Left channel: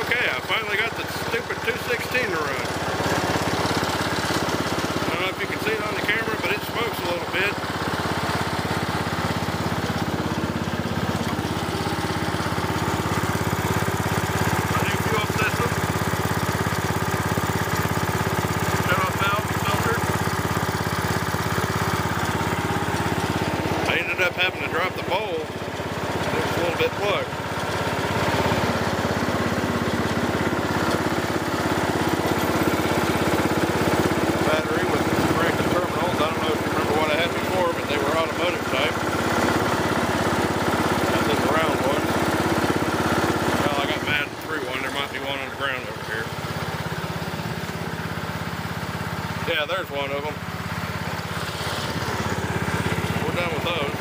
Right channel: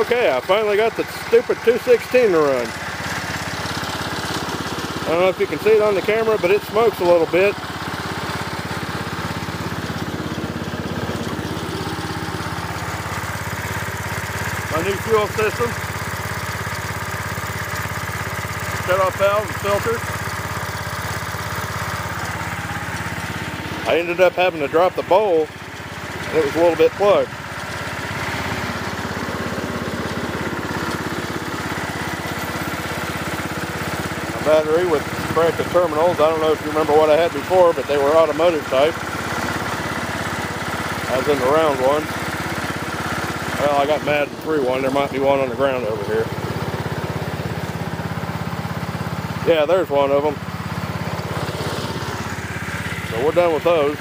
Okay, I finally got the stupid 216 to run. I don't know if you can see it on the camera, but it smokes a little bit. My new fuel system. Shut-off valves and filters. I ended up having to drop the bowl. It was a little bit plugged. Battery with bracket terminals. I don't know if you remember what I had before, but they were automotive type. As in the round one. Well, I got mad and threw one. There might be one on the ground over here. Yeah, there's one of them. So we're done with those.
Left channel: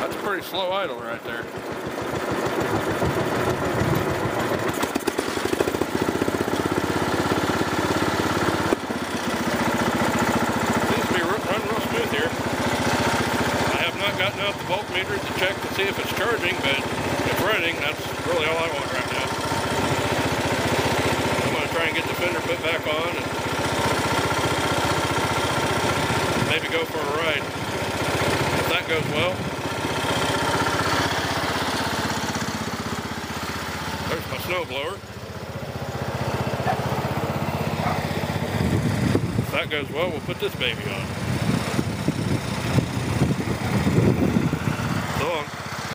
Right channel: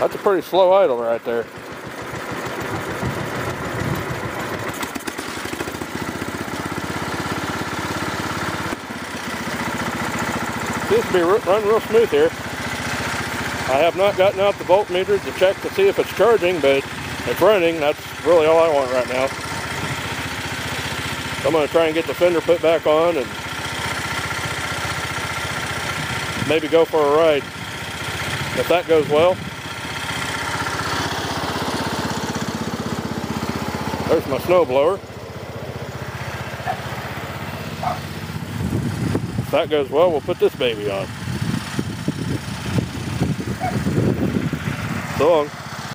That's a pretty slow idle right there. Seems to be running real smooth here. I have not gotten out the voltmeter to check to see if it's charging, but it's running. That's really all I want right now. I'm going to try and get the fender put back on and maybe go for a ride. If that goes well. There's my snow blower. If that goes well, we'll put this baby on. So long.